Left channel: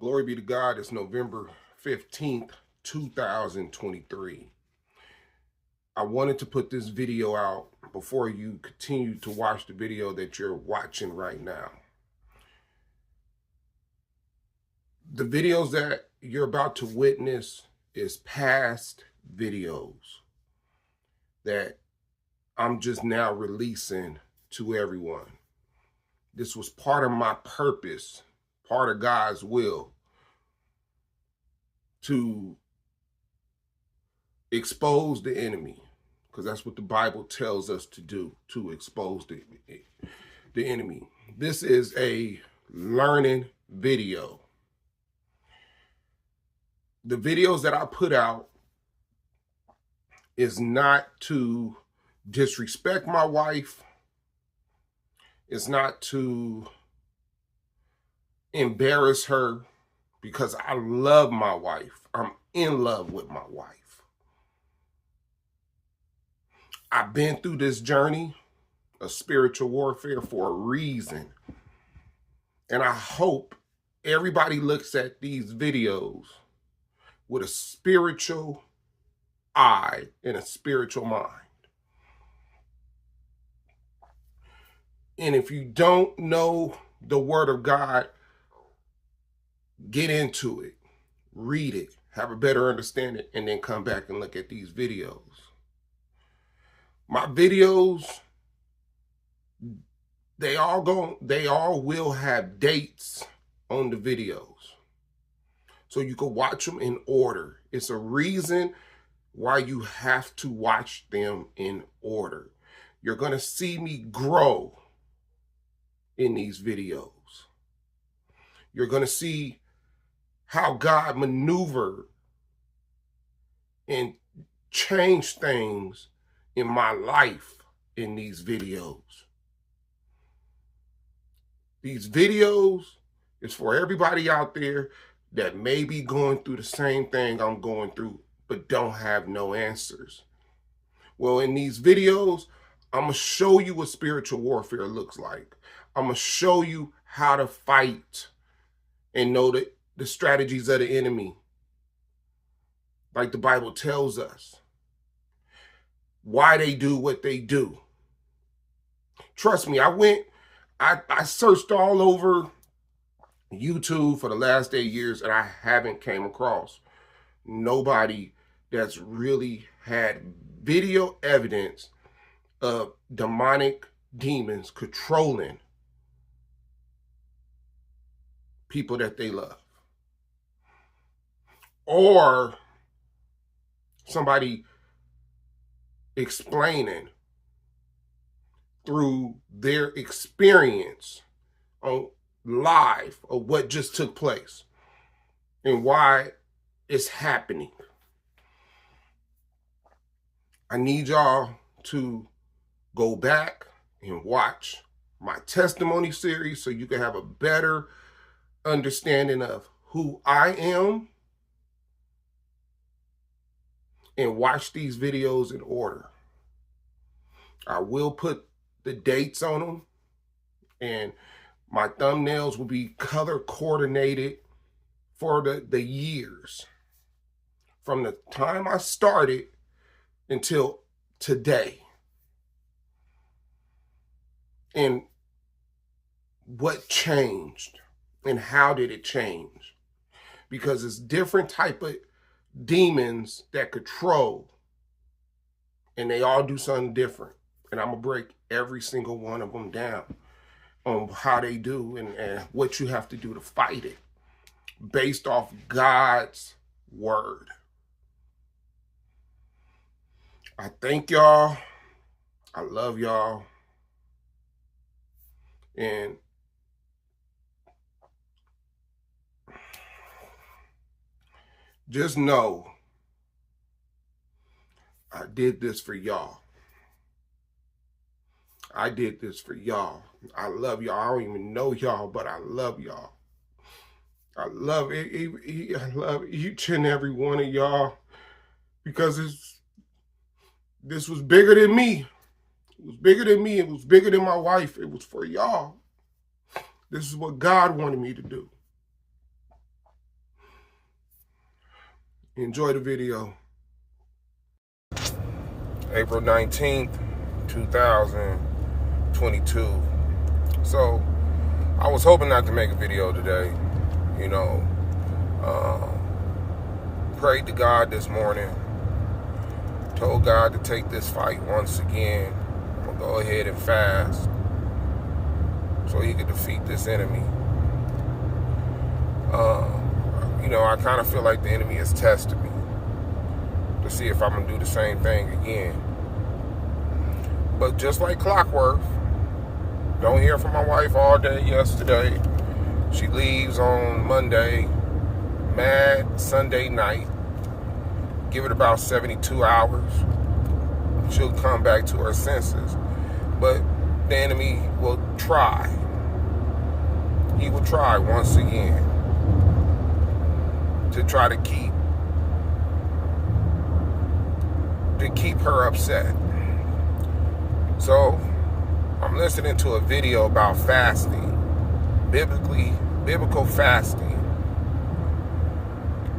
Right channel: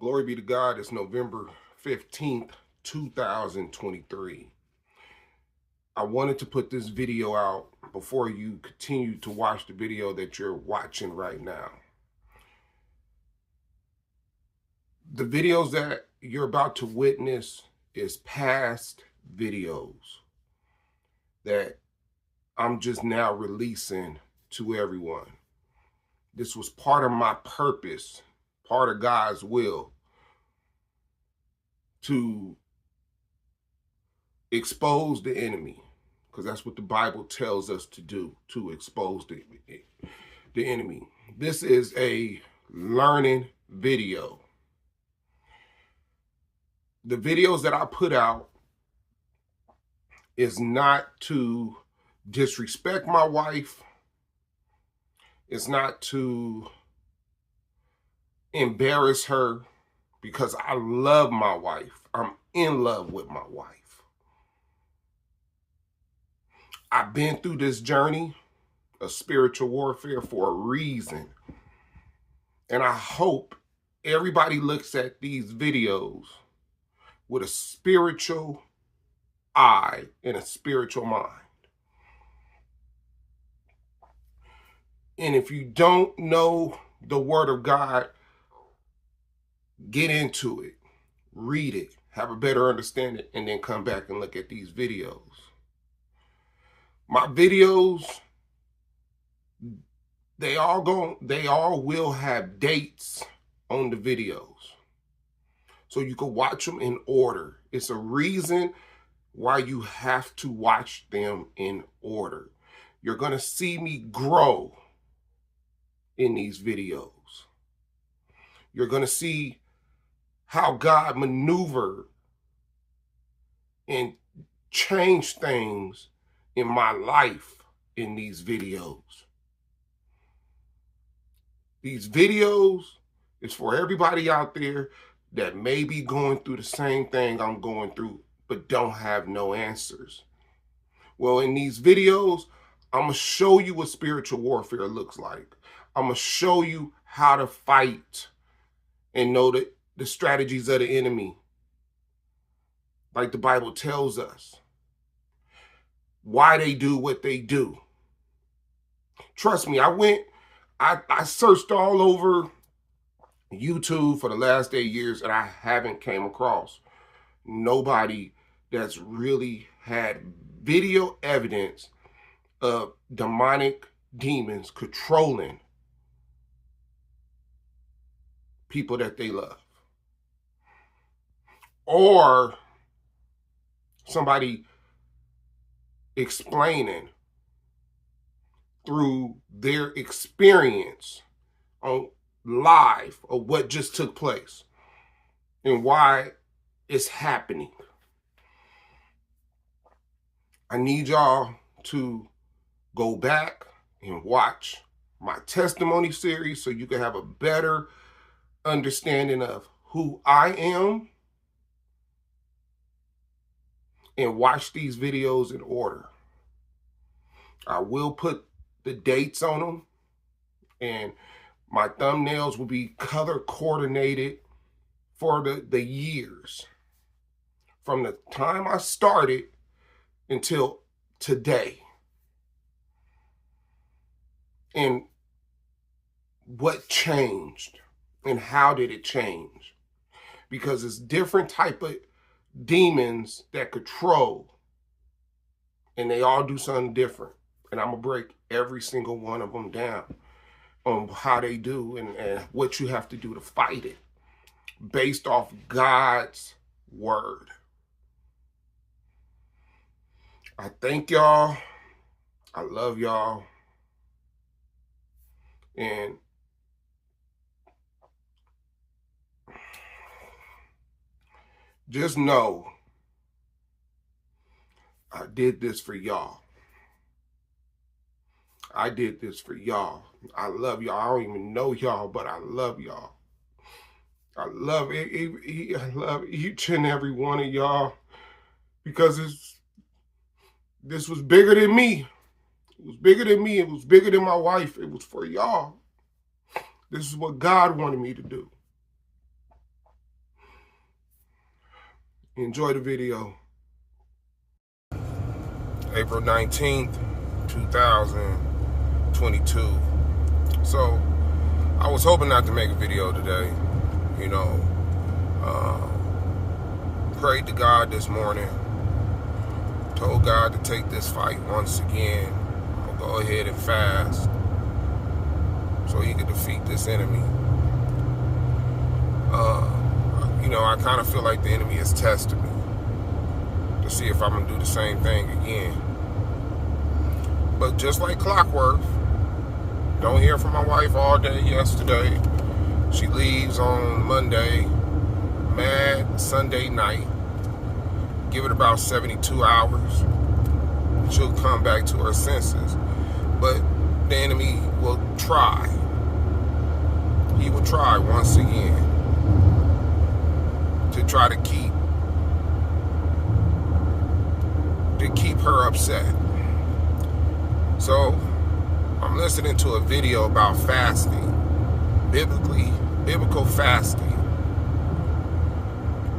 Glory be to God. It's November 15th, 2023. I wanted to put this video out before you continue to watch the video that you're watching right now. The videos that you're about to witness is past videos that I'm just now releasing to everyone. This was part of my purpose, part of God's will, to expose the enemy, because that's what the Bible tells us to do, to expose the enemy. This is a learning video. The videos that I put out is not to disrespect my wife. It's not to embarrass her, because I love my wife. I'm in love with my wife. I've been through this journey of spiritual warfare for a reason. And I hope everybody looks at these videos with a spiritual eye and a spiritual mind. And if you don't know the Word of God, get into it, read it, have a better understanding, and then come back and look at these videos. My videos, they all will have dates on the videos, so you can watch them in order. It's a reason why you have to watch them in order. You're going to see me grow in these videos. You're going to see how God maneuvered and changed things in my life in these videos. These videos is for everybody out there that may be going through the same thing I'm going through, but don't have no answers. Well, in these videos, I'm going to show you what spiritual warfare looks like. I'm going to show you how to fight and know the strategies of the enemy, like the Bible tells us. Why they do what they do. Trust me, I searched all over YouTube for the last 8 years, and I haven't came across nobody that's really had video evidence of demonic demons controlling people that they love, or somebody explaining through their experience on live of what just took place and why it's happening. I need y'all to go back and watch my testimony series so you can have a better understanding of who I am, and watch these videos in order. I will put the dates on them, and my thumbnails will be color coordinated for the years from the time I started until today, and what changed and how did it change, because it's different type of demons that control, and they all do something different, and I'm gonna break every single one of them down on how they do and what you have to do to fight it based off God's word. I thank y'all. I love y'all. And just know I did this for y'all. I did this for y'all. I love y'all. I don't even know y'all, but I love y'all. I love it. I love each and every one of y'all, because this was bigger than me. It was bigger than me. It was bigger than my wife. It was for y'all. This is what God wanted me to do. Enjoy the video. April 19th, 2022. So I was hoping not to make a video today. Prayed to God this morning. Told God to take this fight once again. I'm going to go ahead and fast so he could defeat this enemy. I kind of feel like the enemy is testing me to see if I'm going to do the same thing again. But just like clockwork, don't hear from my wife all day yesterday. She leaves on Monday, mad Sunday night. Give it about 72 hours. She'll come back to her senses. But the enemy will try. He will try once again to try to keep her upset. So I'm listening to a video about fasting, biblical fasting,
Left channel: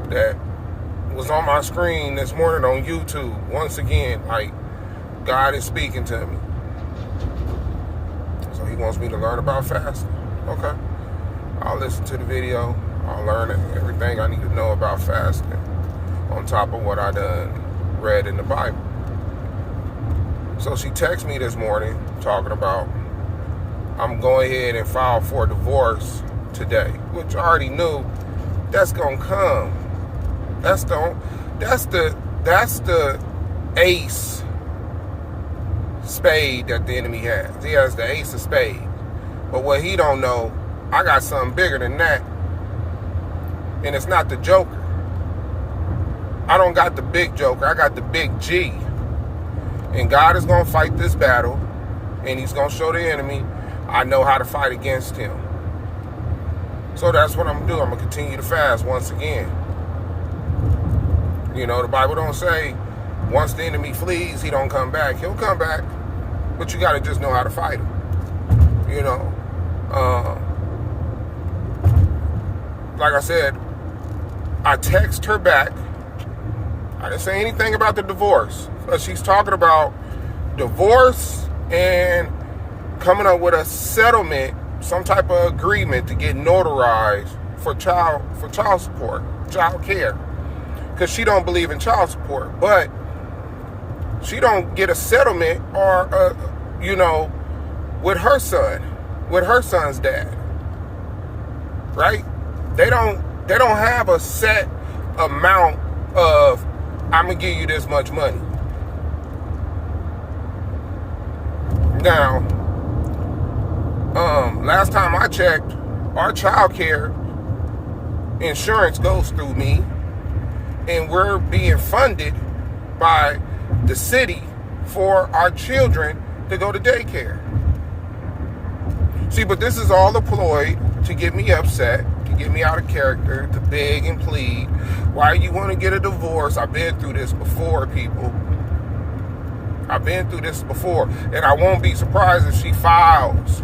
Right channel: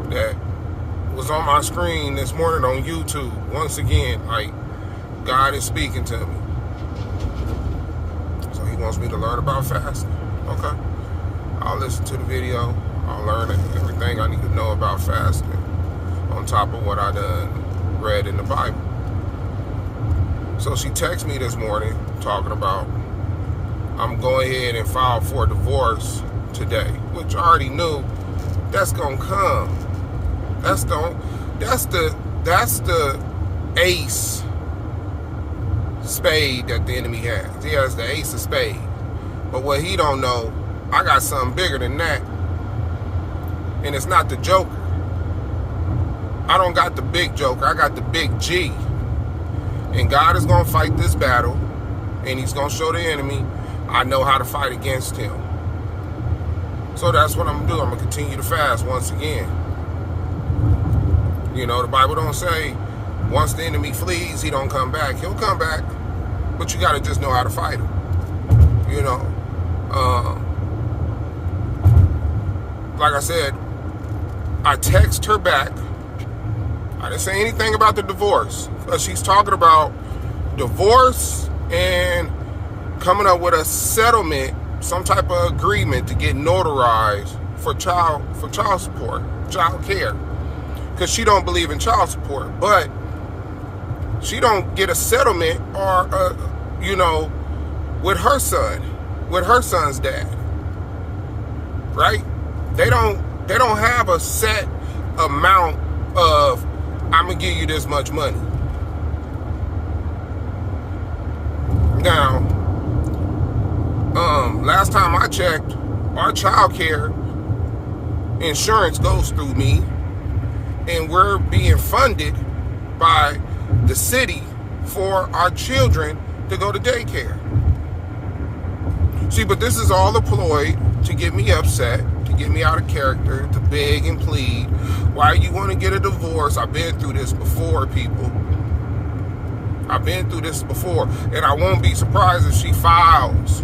that was on my screen this morning on YouTube. Once again, like, God is speaking to me. So he wants me to learn about fasting. Okay. I'll listen to the video. I'll learn everything I need to know about fasting on top of what I done read in the Bible. So she texted me this morning talking about I'm going ahead and file for divorce today, which I already knew that's gonna come. That's the ace spade that the enemy has. He has the ace of spade. But what he don't know, I got something bigger than that. And it's not the Joker. I don't got the big Joker. I got the big G. And God is going to fight this battle. And he's going to show the enemy I know how to fight against him. So that's what I'm going to do. I'm going to continue to fast once again. The Bible don't say once the enemy flees, he don't come back. He'll come back. But you got to just know how to fight him. Like I said, I text her back. I didn't say anything about the divorce. But she's talking about divorce and coming up with a settlement, some type of agreement to get notarized for child support, child care. Because she don't believe in child support. But she don't get a settlement or with her son's dad. Right? They don't have a set amount of I'm gonna give you this much money. Now, last time I checked, our child care insurance goes through me, and we're being funded by the city for our children to go to daycare. See, but this is all a ploy to get me upset, to get me out of character, to beg and plead. Why you want to get a divorce? I've been through this before, people. I've been through this before. And I won't be surprised if she files.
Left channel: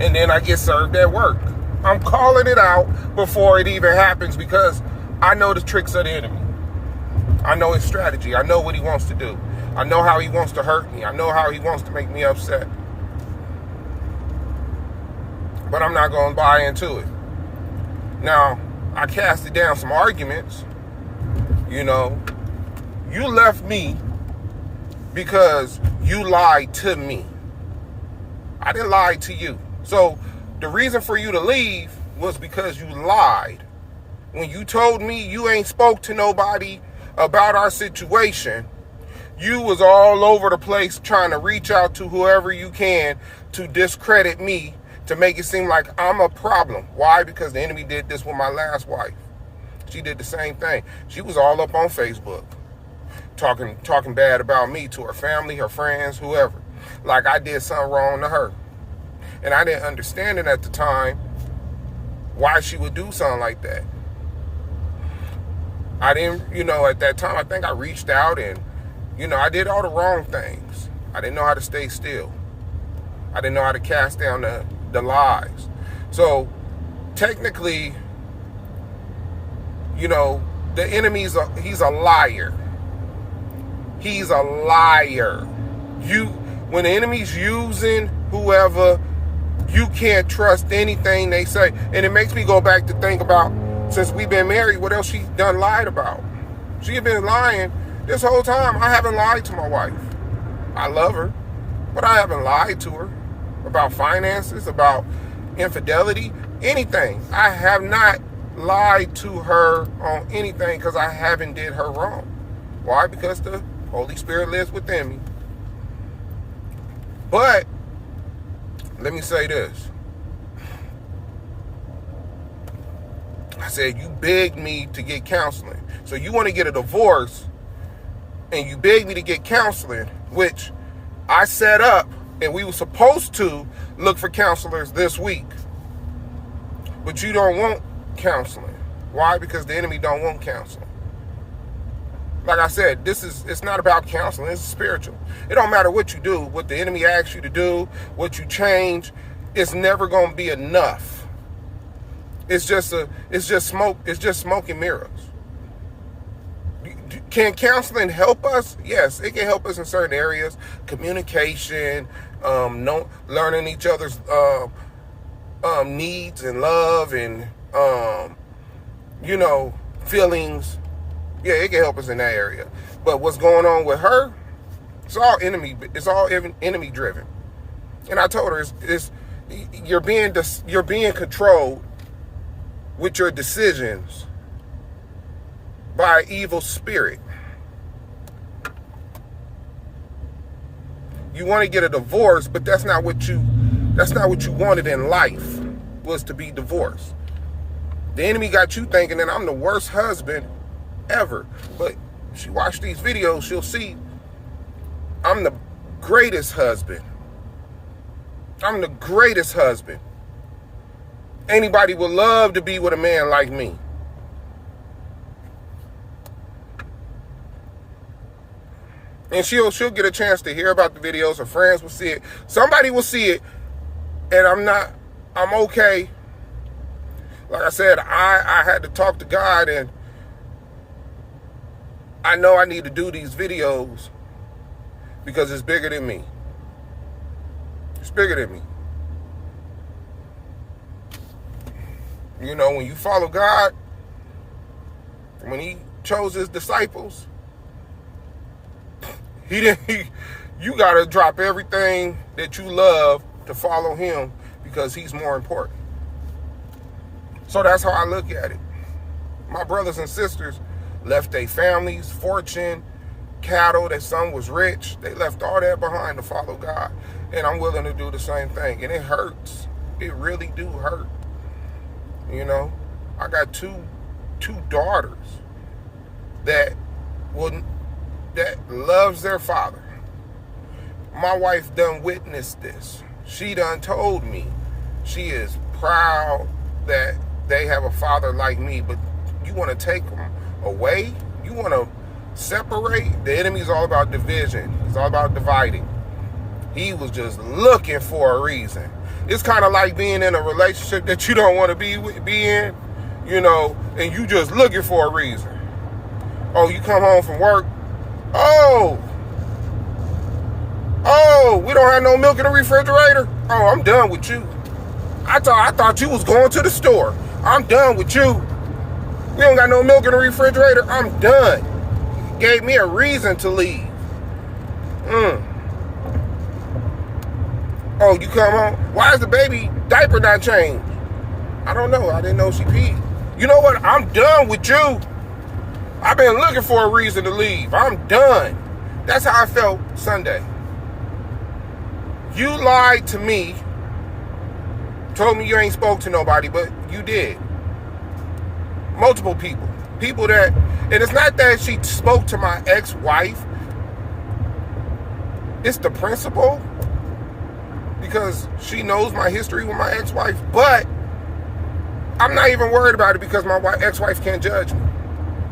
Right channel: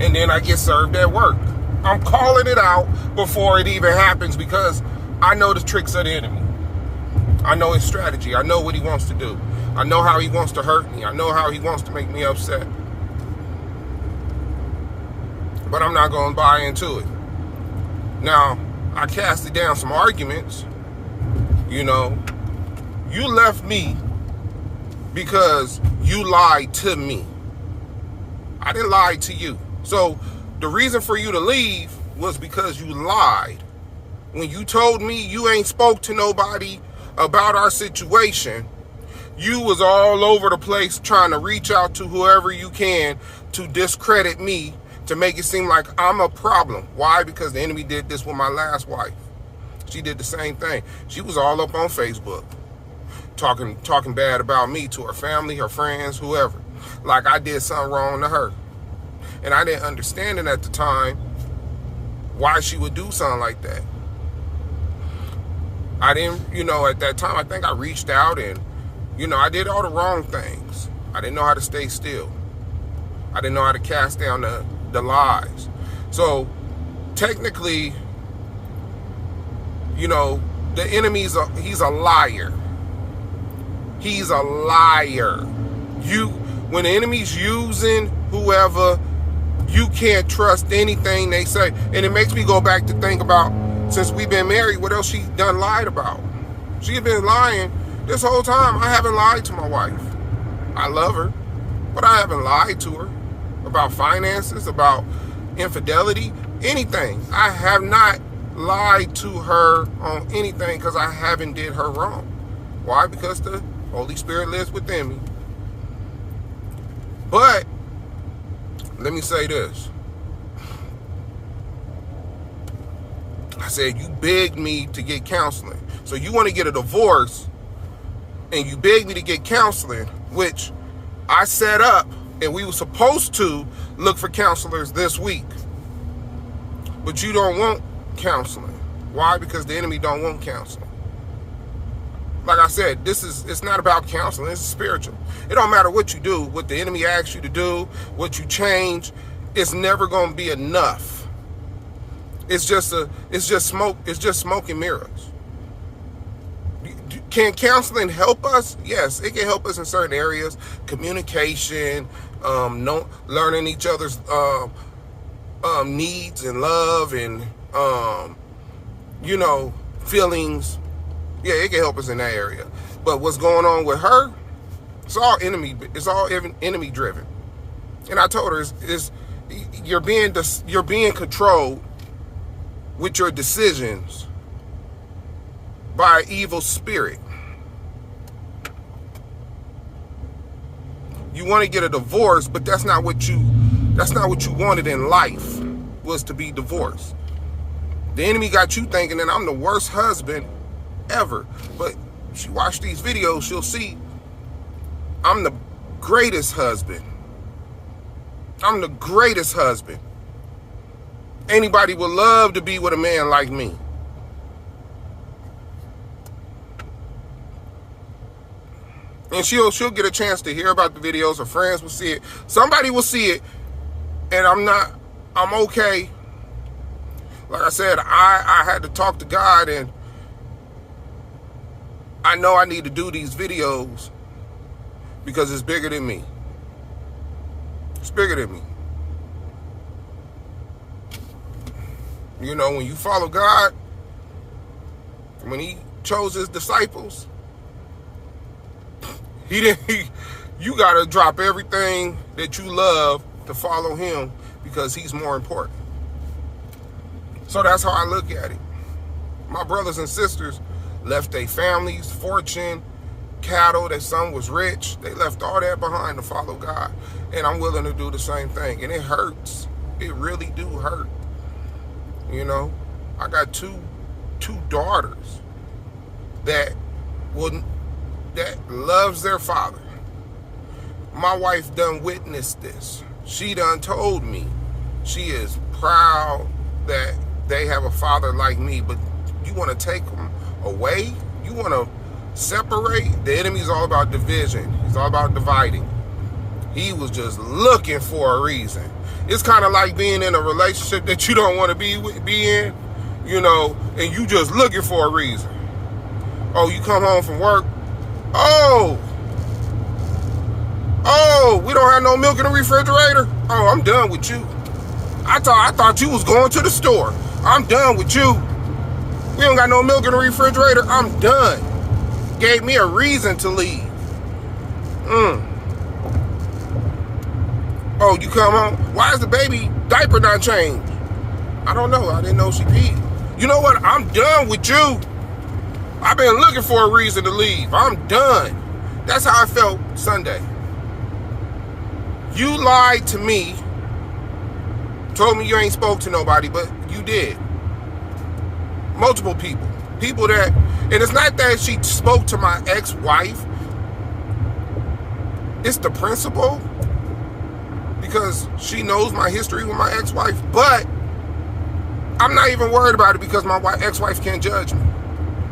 And then I get served at work. I'm calling it out before it even happens because I know the tricks of the enemy. I know his strategy. I know what he wants to do. I know how he wants to hurt me. I know how he wants to make me upset. But I'm not going to buy into it. Now, I casted down some arguments. You left me because you lied to me. I didn't lie to you. So the reason for you to leave was because you lied. When you told me you ain't spoke to nobody about our situation, you was all over the place trying to reach out to whoever you can to discredit me, to make it seem like I'm a problem. Why? Because the enemy did this with my last wife. She did the same thing. She was all up on Facebook, talking bad about me to her family, her friends, whoever. Like I did something wrong to her. And I didn't understand it at the time why she would do something like that. I didn't, at that time, I think I reached out and, I did all the wrong things. I didn't know how to stay still. I didn't know how to cast down the lies. So technically, You know, the enemy's he's a liar. He's a liar. When the enemy's using whoever, you can't trust anything they say. And it makes me go back to think about, since we've been married, what else she done lied about? She had been lying this whole time. I haven't lied to my wife. I love her, but I haven't lied to her about finances, about infidelity, anything. I have not lied to her on anything because I haven't did her wrong. Why? Because the Holy Spirit lives within me. But let me say this. I said, you begged me to get counseling. So you want to get a divorce and you begged me to get counseling, which I set up, and we were supposed to look for counselors this week. But you don't want counseling. Why? Because the enemy don't want counseling. Like I said, it's not about counseling, it's spiritual. It don't matter what you do, what the enemy asks you to do, what you change, it's never gonna be enough. It's just smoke and mirrors. Can counseling help us? Yes, it can help us in certain areas. Communication, learning each other's needs and love and feelings. Yeah, it can help us in that area. But what's going on with her, it's all enemy driven. And I told her you're being controlled with your decisions by an evil spirit. You want to get a divorce, but that's not what you wanted in life, was to be divorced. The enemy got you thinking that I'm the worst husband ever. But if she watch these videos, she'll see I'm the greatest husband. I'm the greatest husband. Anybody would love to be with a man like me. And she'll get a chance to hear about the videos. Her friends will see it. Somebody will see it. And I'm okay. Like I said, I had to talk to God, and I know I need to do these videos because it's bigger than me. It's bigger than me. You know, when you follow God, when he chose his disciples, you got to drop everything that you love to follow him because he's more important. So that's how I look at it. My brothers and sisters left their families, fortune, cattle. Their son was rich. They left all that behind to follow God. And I'm willing to do the same thing. And it hurts. It really do hurt. You know, I got two daughters that loves their father. My wife done witnessed this. She done told me she is proud that they have a father like me, but you want to take them away? You want to separate? The enemy's all about division. He's all about dividing. He was just looking for a reason. It's kind of like being in a relationship that you don't want to be in, you know, and you just looking for a reason. Oh, you come home from work. Oh, we don't have no milk in the refrigerator. Oh, I'm done with you. I thought you was going to the store. I'm done with you. We don't got no milk in the refrigerator. I'm done. Gave me a reason to leave. Oh, you come home? Why is the baby diaper not changed? I don't know. I didn't know she peed. You know what? I'm done with you. I've been looking for a reason to leave. I'm done. That's how I felt Sunday. You lied to me. Told me you ain't spoke to nobody, but you did. Multiple people. People that, and it's not that she spoke to my ex-wife. It's the principle. Because she knows my history with my ex-wife. But I'm not even worried about it because my ex-wife can't judge me.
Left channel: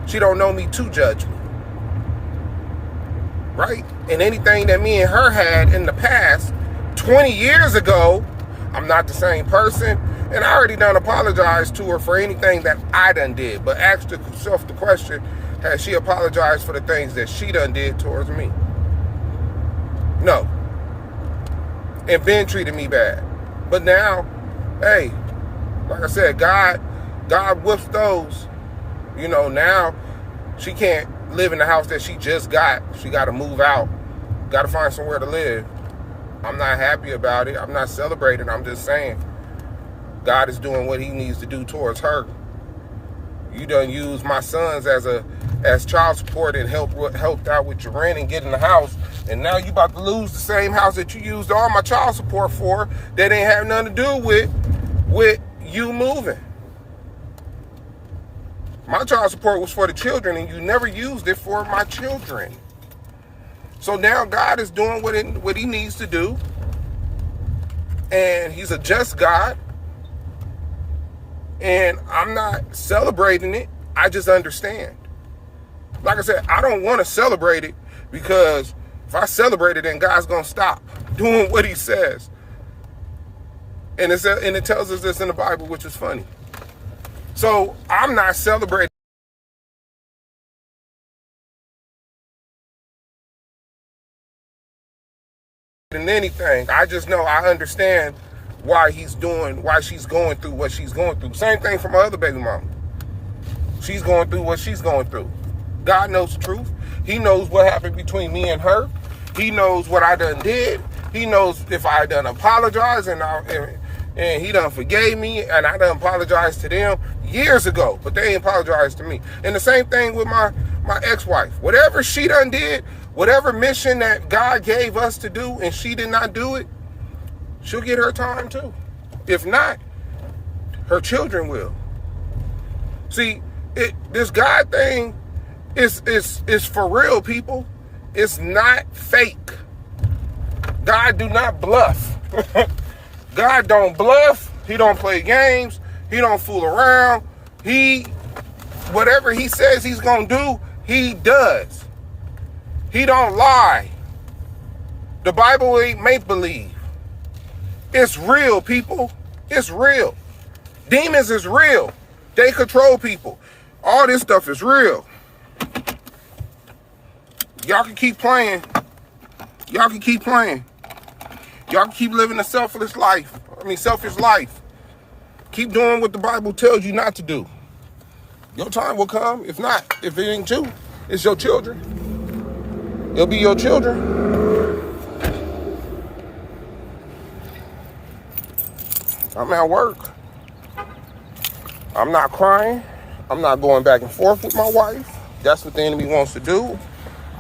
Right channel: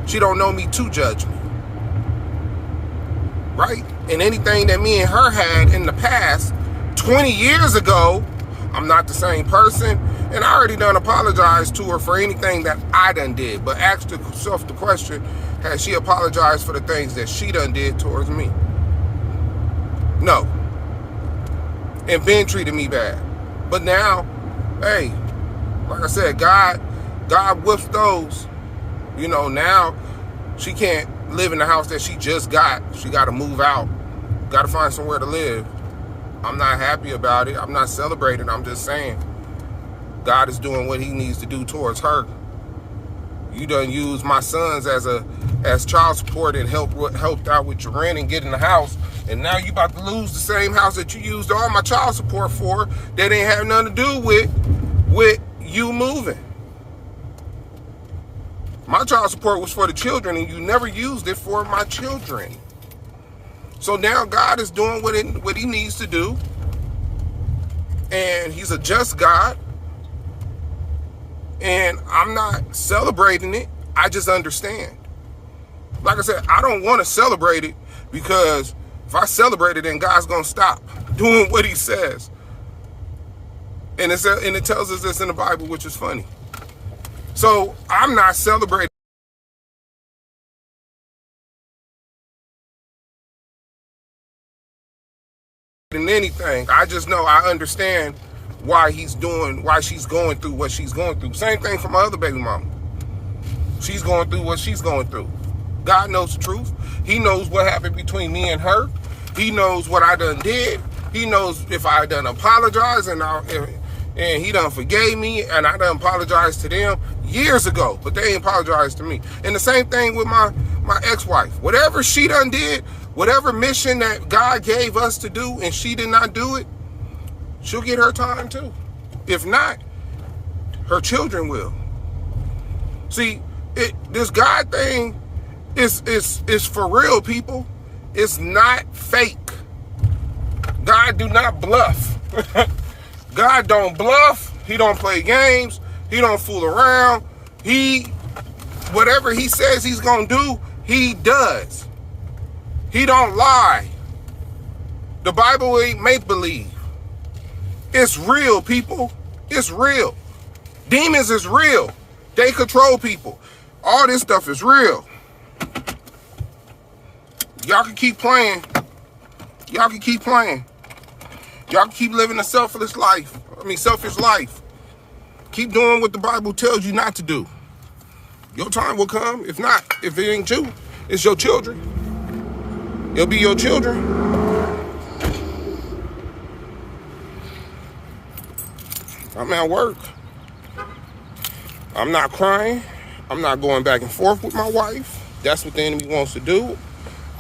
She don't know me to judge me. Right? And anything that me and her had in the past, 20 years ago, I'm not the same person. And I already done apologized to her for anything that I done did. But ask yourself the question, has she apologized for the things that she done did towards me? No. And been treated me bad. But now, hey, like I said, God whips those. You know, now she can't live in the house that she just got. She got to move out. Got to find somewhere to live. I'm not happy about it. I'm not celebrating. I'm just saying God is doing what he needs to do towards her. You done used my sons as child support and helped out with your rent and getting the house. And now you about to lose the same house that you used all my child support for that ain't have nothing to do with you moving. My child support was for the children, and you never used it for my children. So now God is doing what he needs to do. And he's a just God. And I'm not celebrating it. I just understand. Like I said, I don't want to celebrate it because if I celebrate it, then God's going to stop doing what he says. And it tells us this in the Bible, which is funny. So I'm not celebrating anything. I just know I understand why she's going through what she's going through. Same thing for my other baby mama. She's going through what she's going through. God knows the truth. He knows what happened between me and her. He knows what I done did. He knows if I done apologized and he done forgave me, and I done apologized to them years ago, but they ain't apologized to me. And the same thing with my ex-wife. Whatever she done did, whatever mission that God gave us to do and she did not do it, she'll get her time too. If not, her children will. See, this God thing is for real, people. It's not fake. God do not bluff. God don't bluff. He don't play games. He don't fool around. Whatever he says he's gonna do, he does. He don't lie. The Bible ain't make-believe. It's real, people. It's real. Demons is real. They control people. All this stuff is real. Y'all can keep playing. Y'all can keep playing. Y'all can keep living a selfish life. Keep doing what the Bible tells you not to do. Your time will come. If not, if it ain't you, it's your children. It'll be your children. I'm at work. I'm not crying. I'm not going back and forth with my wife. That's what the enemy wants to do.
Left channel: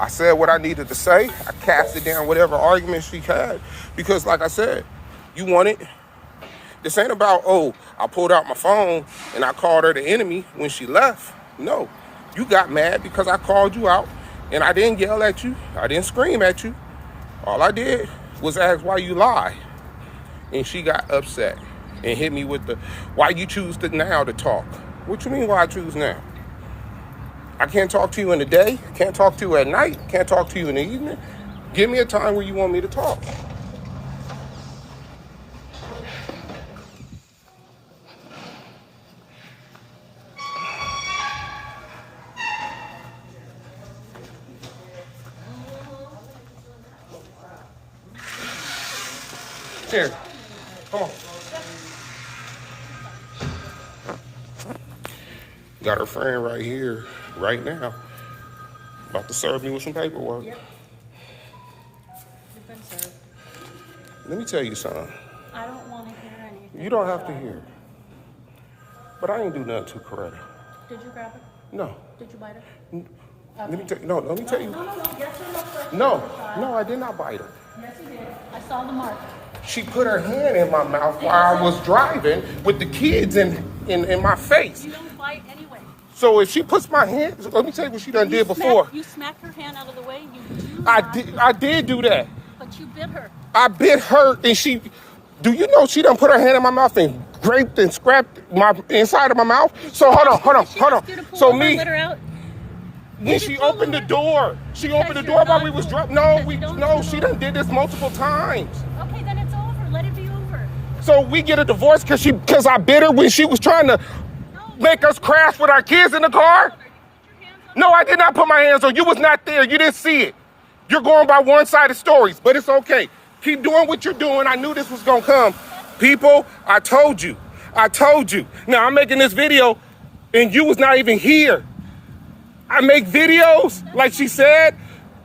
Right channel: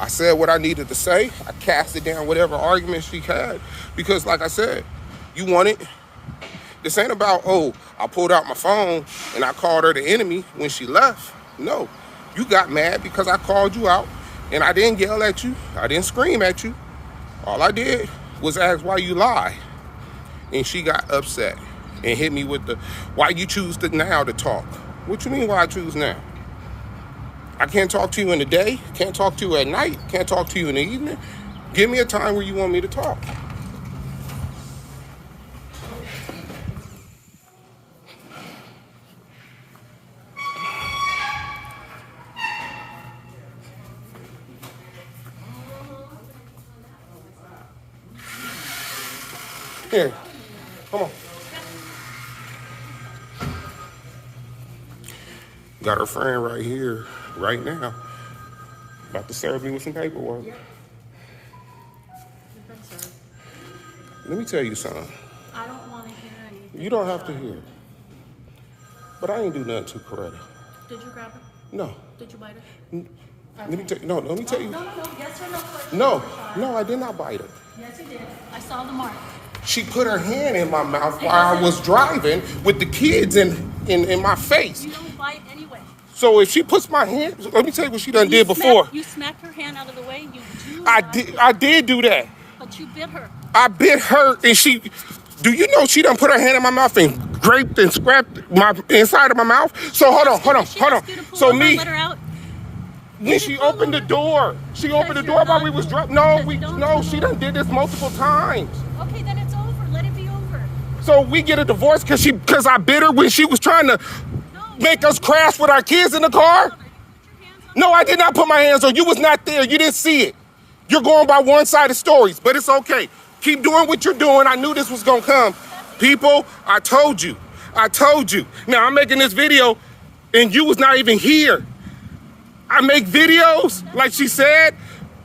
I said what I needed to say. I casted down whatever argument she had. Because like I said, you want it. This ain't about, oh, I pulled out my phone and I called her the enemy when she left. No, you got mad because I called you out and I didn't yell at you. I didn't scream at you. All I did was ask why you lie. And she got upset and hit me with why you choose now to talk. What you mean why I choose now? I can't talk to you in the day, can't talk to you at night, can't talk to you in the evening. Give me a time where you want me to talk. Here, come on. Got her friend right here, right now. About to serve me with some paperwork. Yep. You've been served. Let me tell you something. I don't want to hear anything. You don't have to hear it. But I ain't do nothing to Coretta. Did you grab her? No. Did you bite her? Let me tell you. No, let me tell you. No. Yes or no first? No, I did not bite her. Yes, you did. I saw the mark. She put her hand in my mouth while I was driving with the kids in my face. You don't bite anyway. So if she puts my hand, let me tell you what she done did before. You smacked her hand out of the way. I did do that. But you bit her. I bit her, and do you know she done put her hand in my mouth and scraped and scrapped my inside of my mouth? So hold on. So let her out. when she opened the door, while we was driving. No, she done did this multiple times. Okay, then it's over. Let it be over. So we get a divorce because I bit her when she was trying to make us crash with our kids in the car? No, I did not put my hands on you. Was not there. You didn't see it. You're going by one-sided stories, but it's okay. Keep doing what you're doing. I knew this was going to come. People, I told you. I told you. Now, I'm making this video, and you was not even here. I make videos, like she said,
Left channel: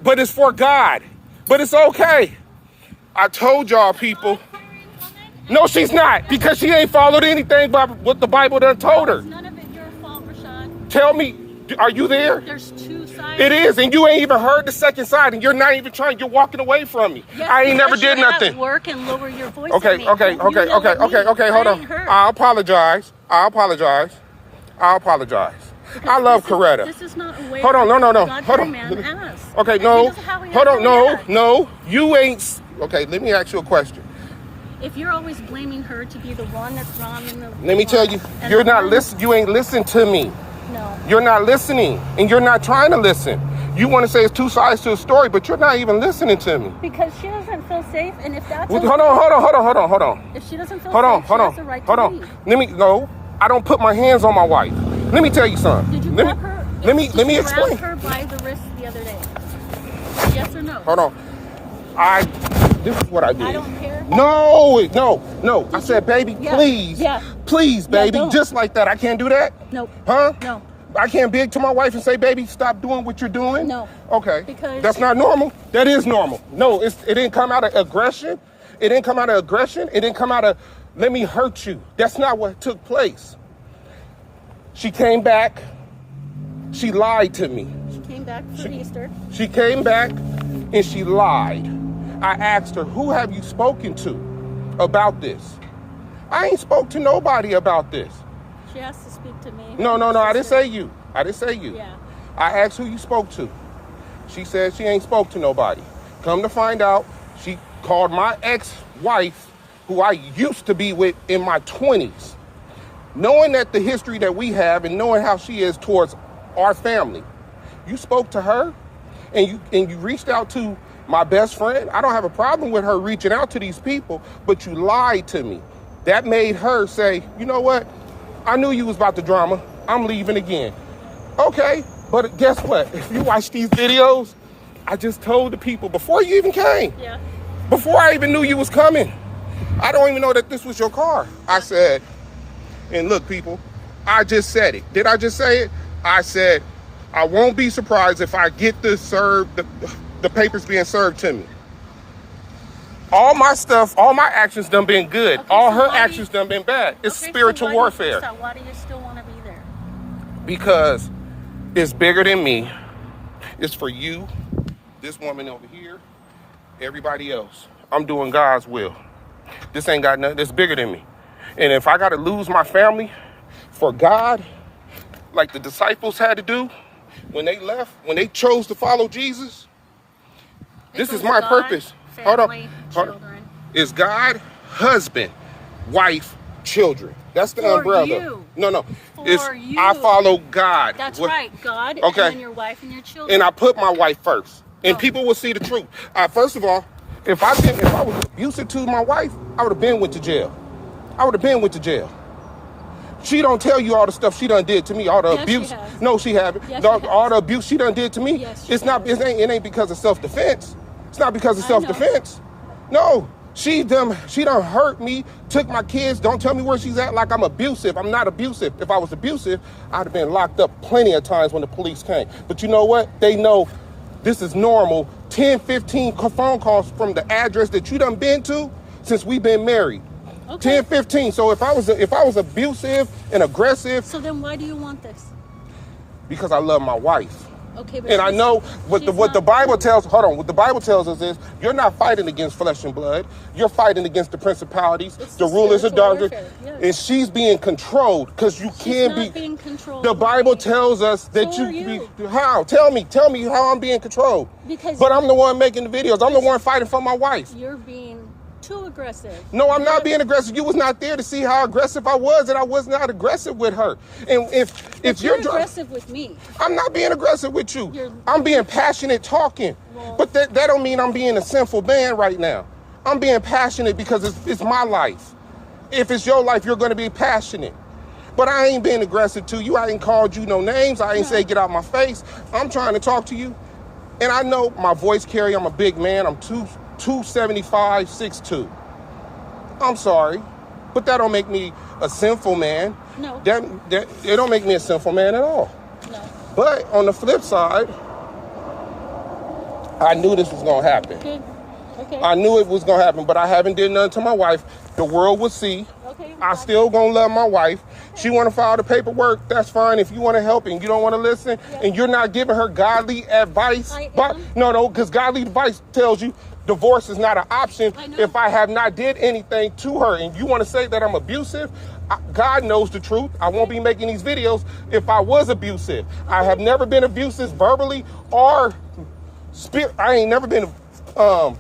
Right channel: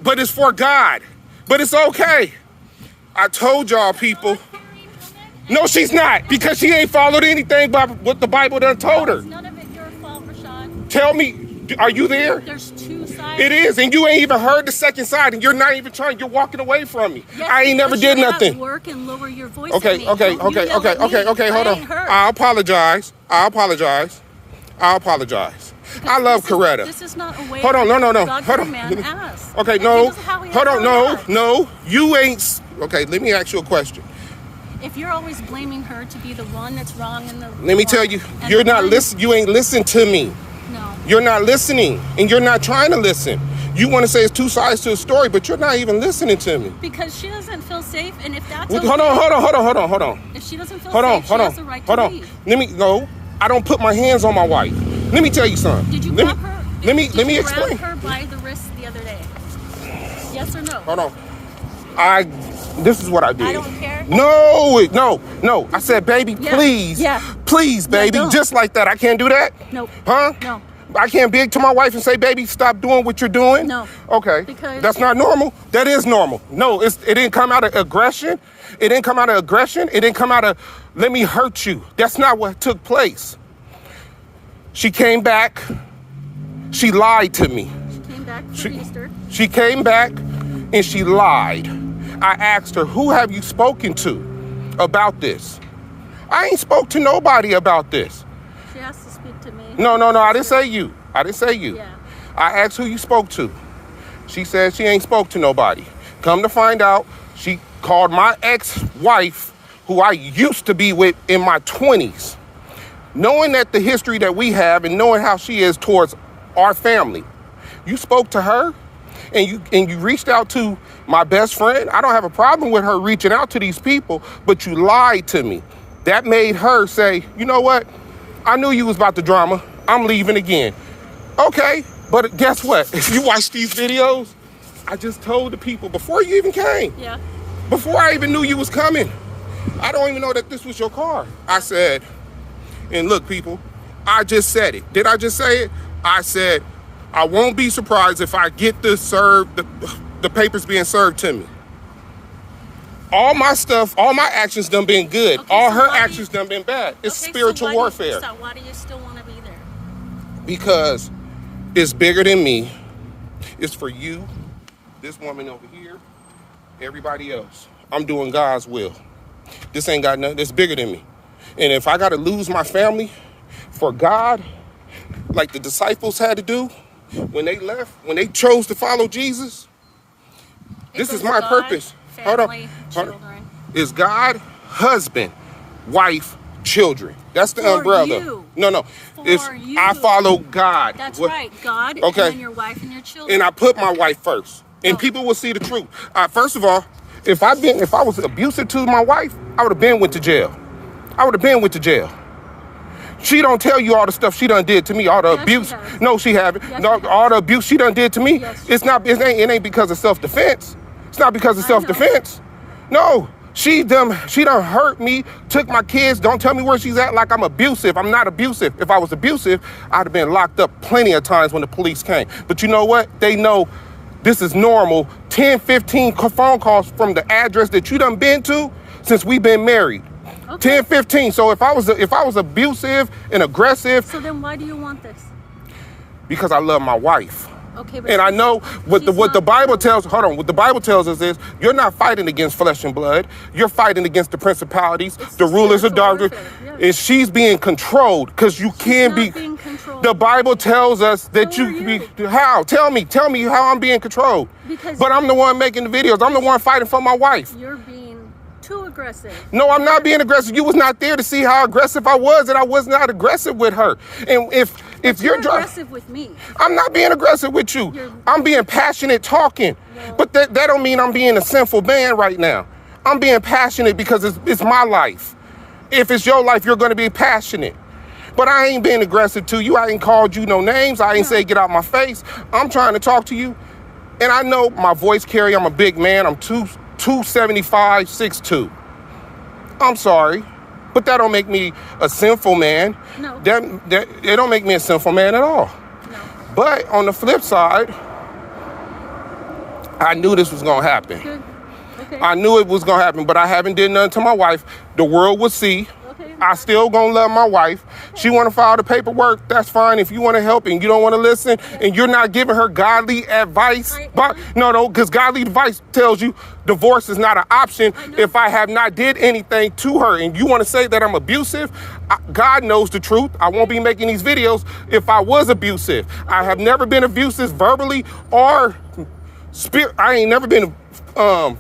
but it's for God. But it's okay. I told y'all, people. No, she's not, because she ain't followed anything by what the Bible done told her. It's none of it your fault, Rashad. Tell me, are you there? There's two sides. It is, and you ain't even heard the second side, and you're not even trying. You're walking away from me. Yes, I ain't never did you're nothing. At work and lower your voice. Okay. Hold on. I apologize. I love Coretta. This is not a way. Hold on. No. God Hold put a on. man ass. Okay, no. This is how he Hold on. acts. No. You ain't. Okay, let me ask you a question. If you're always blaming her to be the one that's wrong in the Let me tell you, you're not listening. You ain't listening to me. No. You're not listening, and you're not trying to listen. You want to say it's two sides to a story, but you're not even listening to me. Because she doesn't feel safe, and if that's Hold okay, on. If she doesn't feel Hold on. safe, she has the right to leave. No, I don't put my hands on my wife. Let me tell you something. Did you grab her? Let me Did you explain. grab her by the wrist the other day? Yes or no? Hold on. This is what I did. I don't care. No. I said, baby, please. Yeah. Please, baby. don't. Just like that. I can't do that? Nope. Huh? No. I can't beg to my wife and say, baby, stop doing what you're doing? No. Okay. Because that's not normal. That is normal. No, it didn't come out of aggression. It didn't come out of, let me hurt you. That's not what took place. She came back. She lied to me. She came back for Easter. She came back and she lied. I asked her, who have you spoken to about this? I ain't spoke to nobody about this. She has to speak to me. No, I didn't say you. Yeah. I asked who you spoke to. She said she ain't spoke to nobody. Come to find out, she called my ex-wife, who I used to be with in my 20s. Knowing that the history that we have and knowing how she is towards our family, you spoke to her and you reached out to my best friend. I don't have a problem with her reaching out to these people, but you lied to me. That made her say, you know what? I knew you was about the drama. I'm leaving again. Okay, but guess what? If you watch these videos, I just told the people before you even came. Yeah. Before I even knew you was coming. I don't even know that this was your car. I said, and look, people, I just said it. Did I just say it? I said, I won't be surprised if I get this served, the papers being served to me. All my stuff, all my actions done been good. Okay, all so her why do actions you- done been bad. It's Okay, spiritual so warfare. Why do you still want to be there? Because it's bigger than me. It's for you, this woman over here, everybody else. I'm doing God's will. This ain't got nothing that's bigger than me. And if I got to lose my family for God, like the disciples had to do when they left, when they chose to follow Jesus, this is my purpose. Hold on. Children. Is God, husband, wife, children. That's the For umbrella. you. No. For you. I follow God. That's What- right, God, Okay. and then your wife and your children. And I put my wife first. And Oh. people will see the truth. First of all, if I was abusive to my wife, I would have been went to jail. She don't tell you all the stuff she done did to me, all the Yes, abuse. she has. No, she haven't. Yes, No, she has. all the abuse she done did to me. Yes, she It ain't because of self-defense. It's not because of I know. self-defense. No. She done hurt me, took my kids. Don't tell me where she's at like I'm abusive. I'm not abusive. If I was abusive, I'd have been locked up plenty of times when the police came. But you know what? They know this is normal. 10, 15 phone calls from the address that you done been to since we've been married. Okay. 10, 15. So if I was abusive and aggressive, So then why do you want this? because I love my wife. Okay, but And I know what the she's Bible not- tells. Hold on. What the Bible tells us is you're not fighting against flesh and blood. You're fighting against the principalities, It's the the rulers of spiritual darkness, warfare, yes. and she's being controlled because you can't not be. being controlled. The Bible tells us that So you are can you. be. How? Tell me how I'm being controlled. Because- But I'm the one making the videos. I'm the one fighting for my wife. You're being too aggressive. No, I'm not being aggressive. You was not there to see how aggressive I was, and I was not aggressive with her. And if You're dri- aggressive with me. I'm not being aggressive with you. I'm being passionate talking. Well- But that don't mean I'm being a sinful man right now. I'm being passionate because it's my life. If it's your life, you're going to be passionate. But I ain't been aggressive to you. I ain't called you no names. I ain't say get out my face. I'm trying to talk to you. And I know my voice carry. I'm a big man. I'm 275, 6'2". I'm sorry. But that don't make me a sinful man. No. That it don't make me a sinful man at all. No. But on the flip side, I knew this was going to happen. Good. Okay. I knew it was going to happen, but I haven't did nothing to my wife. The world will see. Okay. I still going to love my wife. Okay. She want to file the paperwork. That's fine. If you want to help and you don't want to listen and you're not giving her godly advice. No, because godly advice tells you divorce is not an option if I have not did anything to her. And you want to say that I'm abusive? God knows the truth. I won't be making these videos if I was abusive. I have never been abusive verbally or I ain't never been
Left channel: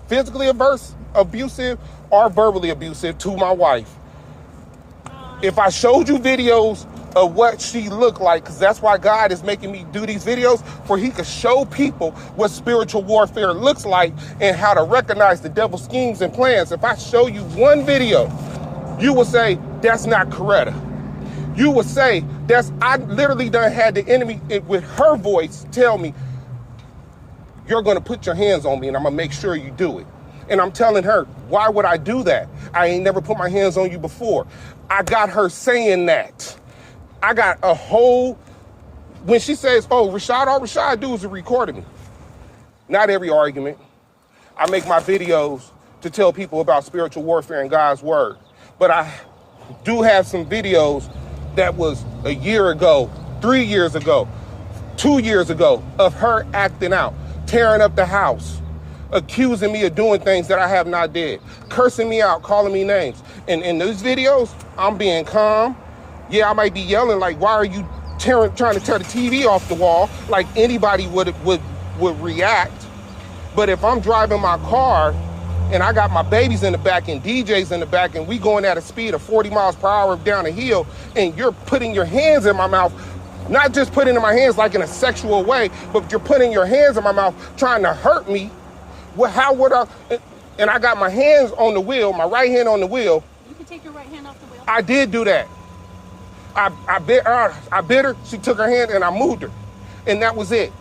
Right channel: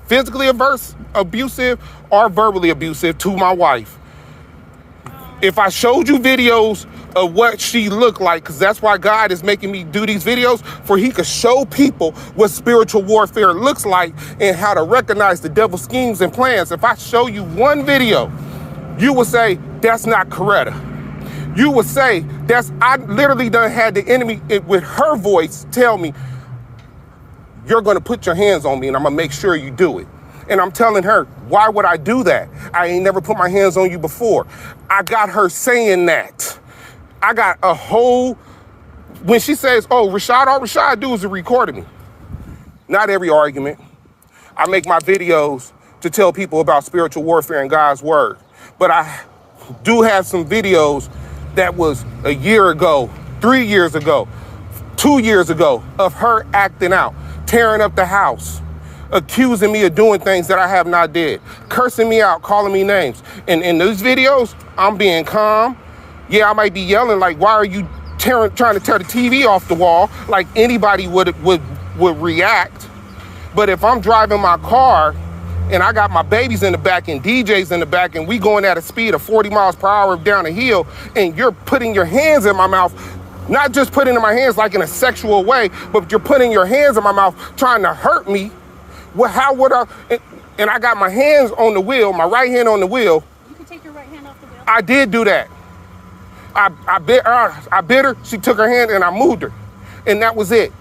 physically abusive or verbally abusive to my wife. If I showed you videos of what she looked like, because that's why God is making me do these videos, for he could show people what spiritual warfare looks like and how to recognize the devil's schemes and plans. If I show you one video, you will say, that's not Coretta. You will say, I literally done had the enemy with her voice tell me, you're going to put your hands on me and I'm going to make sure you do it. And I'm telling her, why would I do that? I ain't never put my hands on you before. I got her saying that. I got a whole, when she says, oh, Rashad, all Rashad do is to record me. Not every argument. I make my videos to tell people about spiritual warfare and God's word. But I do have some videos that was a year ago, 3 years ago, 2 years ago of her acting out, tearing up the house, accusing me of doing things that I have not did, cursing me out, calling me names. And in those videos, I'm being calm. Yeah, I might be yelling like, why are you trying to tear the TV off the wall? Like anybody would react. But if I'm driving my car and I got my babies in the back and DJs in the back and we going at a speed of 40 miles per hour down a hill and you're putting your hands in my mouth, not just putting in my hands like in a sexual way, but you're putting your hands in my mouth trying to hurt me. Well, how would I? And I got my hands on the wheel, my right hand on the wheel. You can take your right hand off the wheel. I did do that. I bit her, she took her hand and I moved her. And that was it.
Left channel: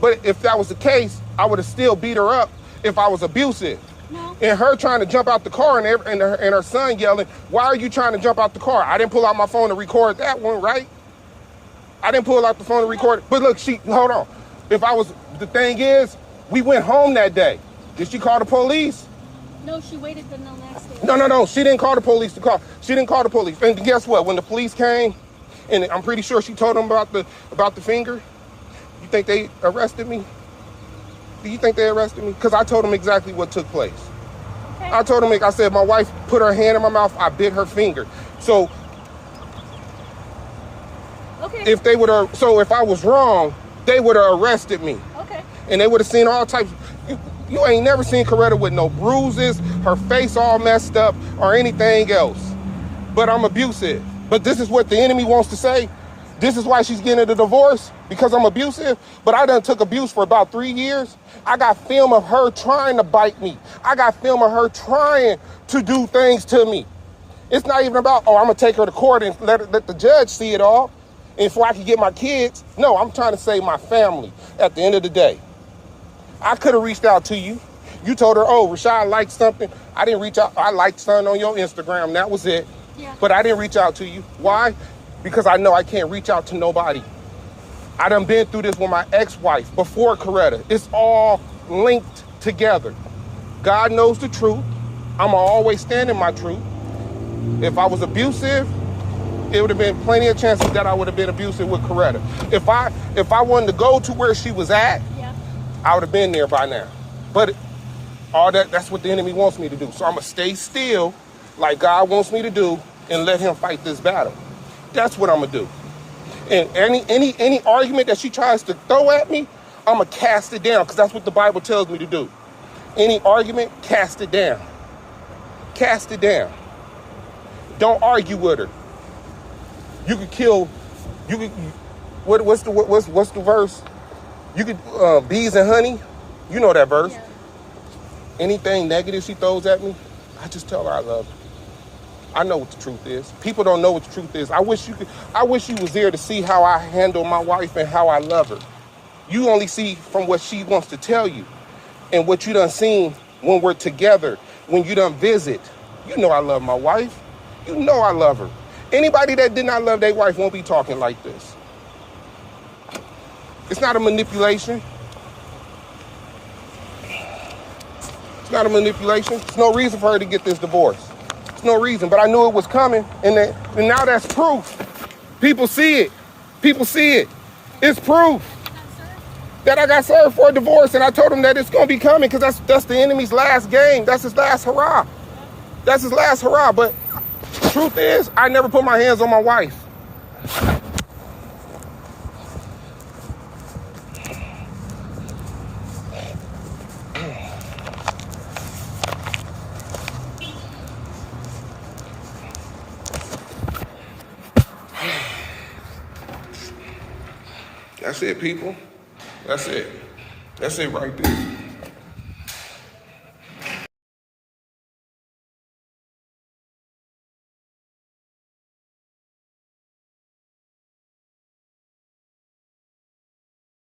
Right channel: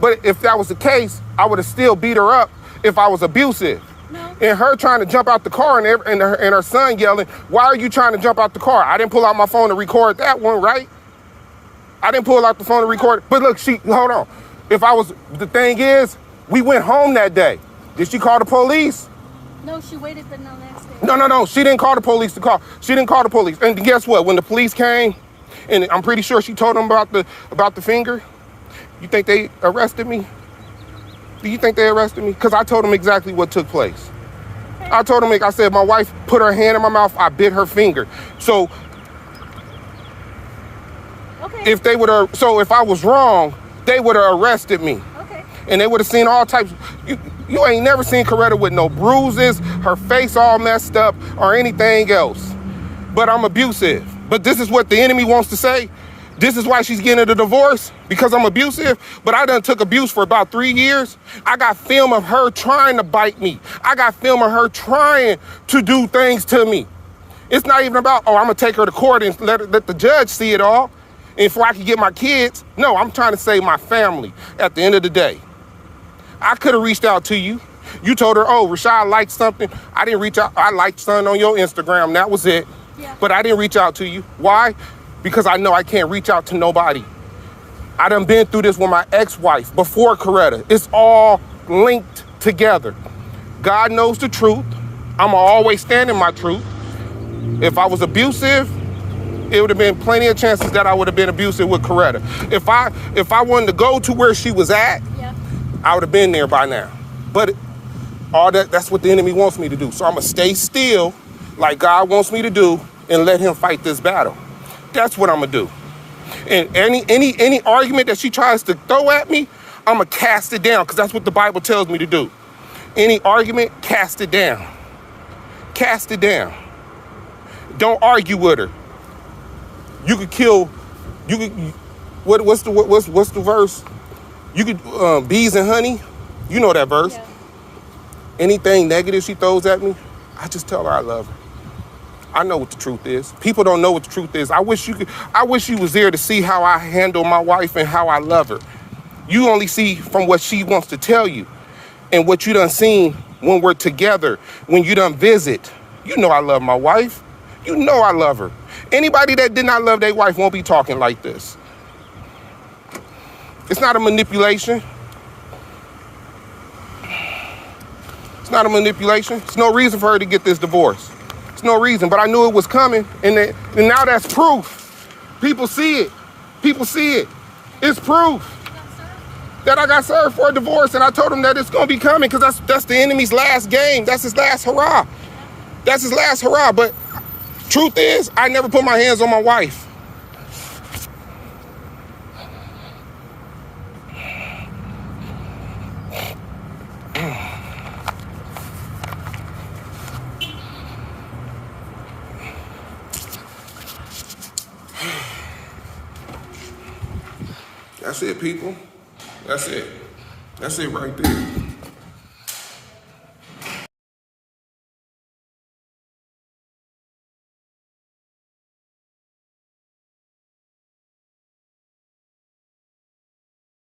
But if that was the case, I would have still beat her up if I was abusive. No. And her trying to jump out the car and her son yelling, why are you trying to jump out the car? I didn't pull out my phone to record that one, right? I didn't pull out the phone to record it. But look, hold on. The thing is, we went home that day. Did she call the police? No, she waited the next day. No. She didn't call the police She didn't call the police. And guess what? When the police came, and I'm pretty sure she told them about the finger, you think they arrested me? Do you think they arrested me? Because I told them exactly what took place. Okay. I told them, I said, my wife put her hand in my mouth, I bit her finger. So okay. If I was wrong, they would have arrested me. Okay. And they would have seen all types. You ain't never seen Coretta with no bruises, her face all messed up, or anything else. But I'm abusive. But this is what the enemy wants to say. This is why she's getting a divorce, because I'm abusive. But I done took abuse for about 3 years. I got film of her trying to bite me. I got film of her trying to do things to me. It's not even about, I'm going to take her to court and let the judge see it all. And before I can get my kids. No, I'm trying to save my family at the end of the day. I could have reached out to you. You told her, oh, Rashad liked something. I didn't reach out. I liked something on your Instagram. That was it. Yeah. But I didn't reach out to you. Why? Because I know I can't reach out to nobody. I done been through this with my ex-wife before Coretta. It's all linked together. God knows the truth. I'm always stand in my truth. If I was abusive, it would have been plenty of chances that I would have been abusive with Coretta. If I wanted to go to where she was at, I would have been there by now. But that's what the enemy wants me to do. So I'm going to stay still like God wants me to do and let him fight this battle. That's what I'm going to do. And any argument that she tries to throw at me, I'm going to cast it down because that's what the Bible tells me to do. Any argument, cast it down. Cast it down. Don't argue with her. You could kill, what's the verse? You could, bees and honey, you know that verse. Yeah. Anything negative she throws at me, I just tell her I love her. I know what the truth is. People don't know what the truth is. I wish you was there to see how I handle my wife and how I love her. You only see from what she wants to tell you and what you done seen when we're together, when you done visit. You know I love my wife. You know I love her. Anybody that did not love their wife won't be talking like this. It's not a manipulation. It's not a manipulation. There's no reason for her to get this divorce. There's no reason, but I knew it was coming, and now that's proof. People see it. People see it. It's proof that I got served for a divorce, and I told him that it's gonna be coming because that's the enemy's last game. That's his last hurrah. That's his last hurrah. But truth is, I never put my hands on my wife. That's it, people. That's it. That's it right there.